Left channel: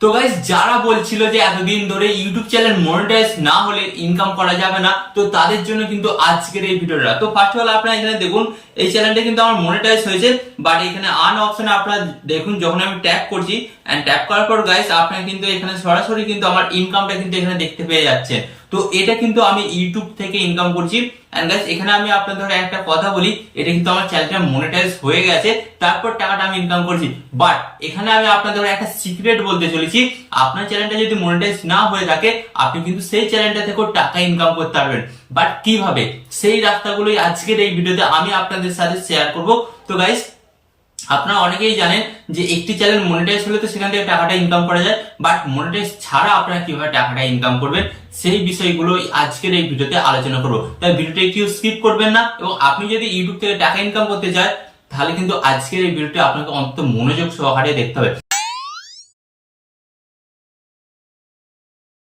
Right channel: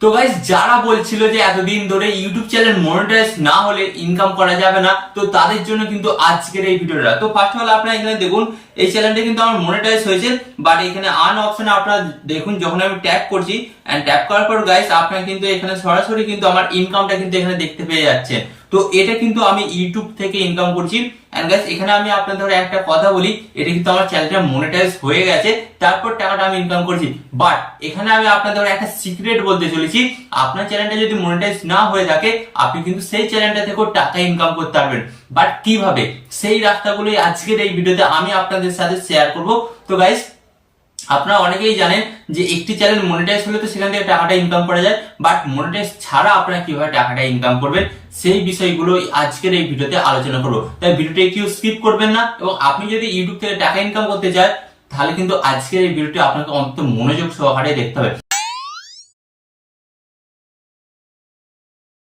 তো গাইস, যারা বলছিল যে এতদিন ধরে ইউটিউব চ্যানেল মনিটাইজ না হলে ইনকাম করা যাবে না, তো তাদের জন্য কিন্তু আজকের এই ভিডিওটা। তো ফার্স্ট অফ অল আপনারা এখানে দেখুন, এই চ্যানেলটা কিন্তু আমার মনিটাইজ হয়েছে, বাট এখানে আর্ন অপশনে আপনারা দেখুন, যখন আমি ট্যাপ করছি এন্ড ট্যাপ করার পর গাইস আপনারা কিন্তু এখানে সরাসরি কিন্তু আমার ইনকামটা কিন্তু এখানে দেখতে পেয়ে যাচ্ছে। তো এটা কিন্তু আমি ইউটিউব থেকে ইনকাম করছি। এন্ড গাইস, এখানে আমি আপনাদের একটা কথা বলি, এটা কিন্তু আমার চ্যানেলটা মনিটাইজ হয়ে গেছে, তারপর টাকাটা আমি ইনকাম করছি। বাট এখানে আমি আপনাদের একটা সিক্রেট বলতে চলেছি, আপনার চ্যানেলটা যদি মনিটাইজ না হয়ে থাকে, আপনি কিন্তু সেই চ্যানেলটা থেকেও টাকা ইনকাম করতে পারবেন। বাট কিভাবে, সেই রাস্তাগুলোই আজকের এই ভিডিওতে আমি আপনাদের সাথে শেয়ার করব। তো গাইস, আপনারা অনেকেই জানেন যে একটি চ্যানেল মনিটাইজ হলে তো সেখান থেকে টাকাটা ইনকাম করা যায়, বাট মনিটাইজ ছাড়া আপনারা কিভাবে টাকাটা ইনকাম করবেন সেই বিষয়গুলো আজকের এই ভিডিওতে আলোচনা করবো। তাই ভিডিওটা কেউ স্কিপ করবেন না, এবং আপনি যদি ইউটিউব থেকে টাকা ইনকাম করতে চান, তাহলে কিন্তু আজকের এই ভিডিওটি আপনাকে অন্তত মনোযোগ সহকারে দেখতে হবে।